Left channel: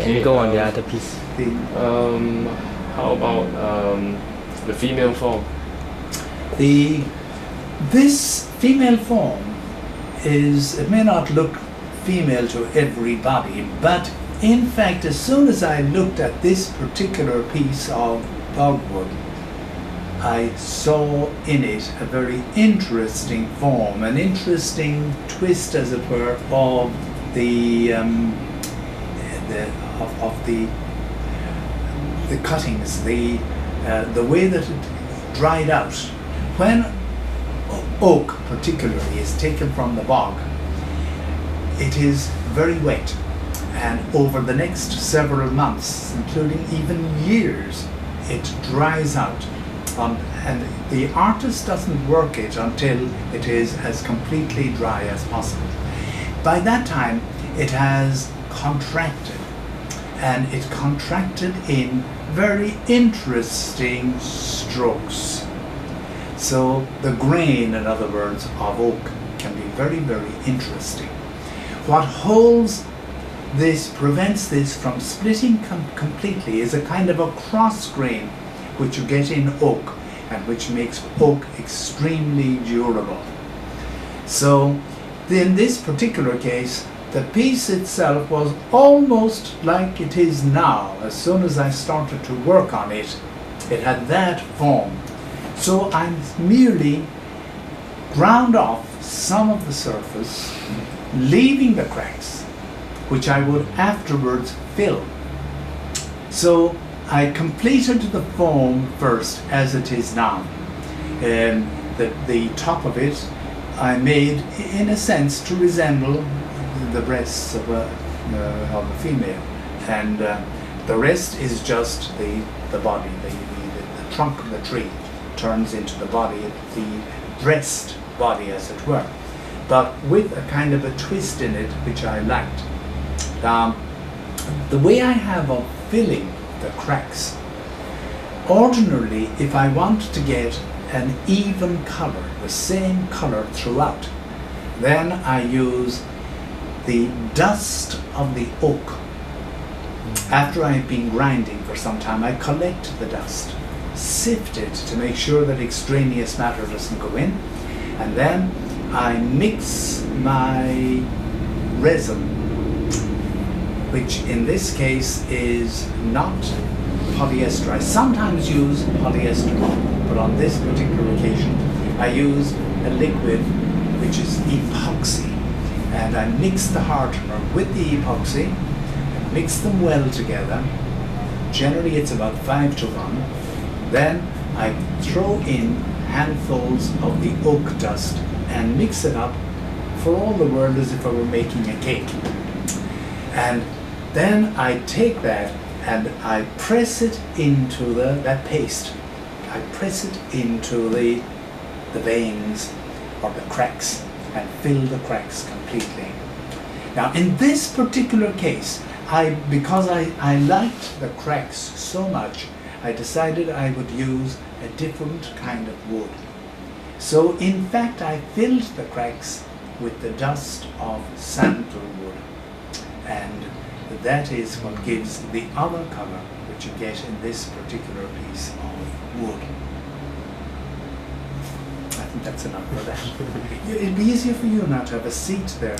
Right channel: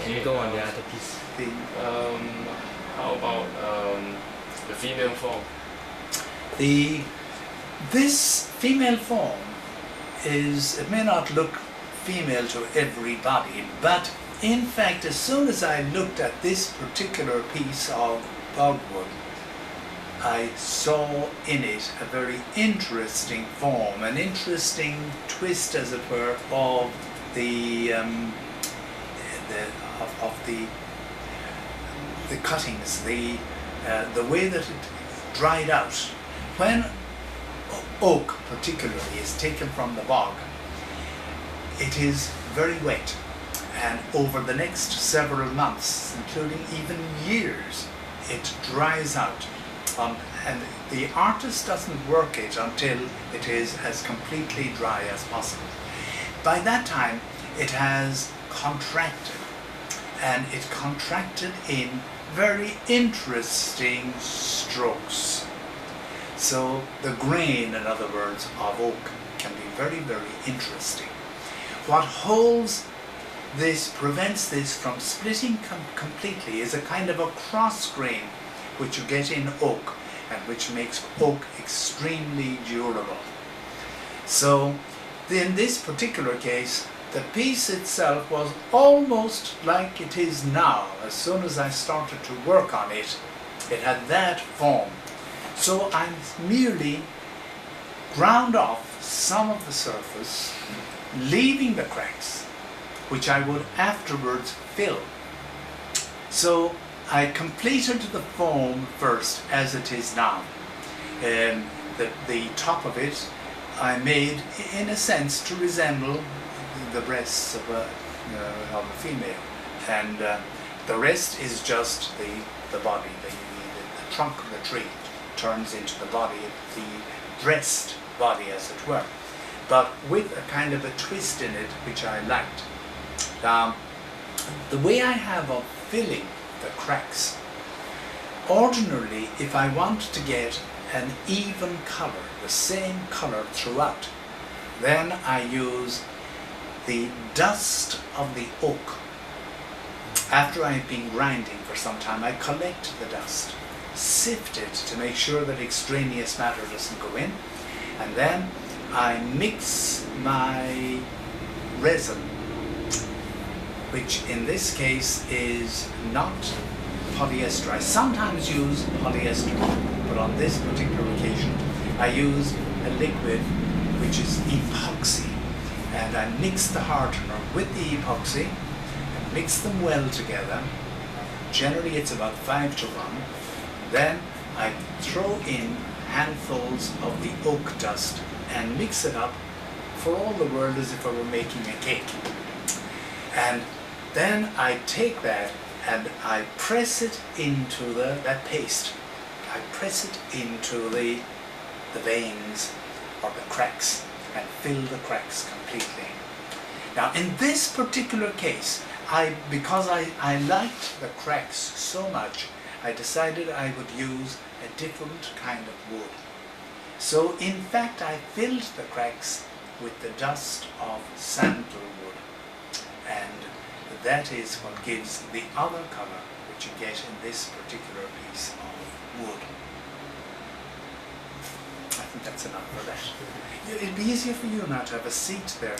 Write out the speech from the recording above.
and go on the other piece. How about the female form? This female form it may not look female to everybody, but in fact, as soon as I looked at this particular piece of dogwood, I saw in it a very interesting form, an interesting twist, as it were, of the cuttings, the way that it dried out. When oak, particularly, is taken from the bog, it is very wet, and over the next several months, including even years, it dries out. And the artist doesn't work it until it is as completely dry as possible. By that time, it has contracted, and it contracted in very interesting strokes. So the grain, in other words, of oak can be very, very interesting. What holds this, prevents this from splitting completely, is a kind of a cross grain which you get in oak, and which makes oak extremely durable. So in this particular case, the piece itself was almost like it is now. As soon as I started to work on it, it had that form. So I merely ground off some of the surface, leaving the cracks, which I would afterwards fill. So I completed the form first as it is now. The top of it I made, in a sense, to resemble the breasts of a female, and the rest is just the body, the trunk of the tree turns into the body, the dressed body, as it were, but with a kind of a twist in it which I liked. The way I have of filling the cracks, ordinarily, if I want to get an even color, the same color throughout, then I use the dust of the oak. After I've been grinding for some time, I collect the dust, sift it to make sure that extraneous matter doesn't go in, and then I mix my resin, which in this case is not polyester. I sometimes use polyester, but on this particular occasion I use a liquid which is epoxy, and I mix the hardener with the epoxy, mix them well together. Generally it's about 5 to 1. Then I throw in handfuls of the oak dust and mix it up for all the world as if I were making a cake. And then I take that and I press it into that paste. I press it into the veins or the cracks and fill the cracks completely. Now in this particular case, because I liked the cracks so much, I decided I would use a different kind of wood. So in fact I filled the cracks with the dust of sandalwood, and that is what gives the other color which you get in this particular piece of wood. I think that's enough for that. It'd be easier for you now to have a seat there.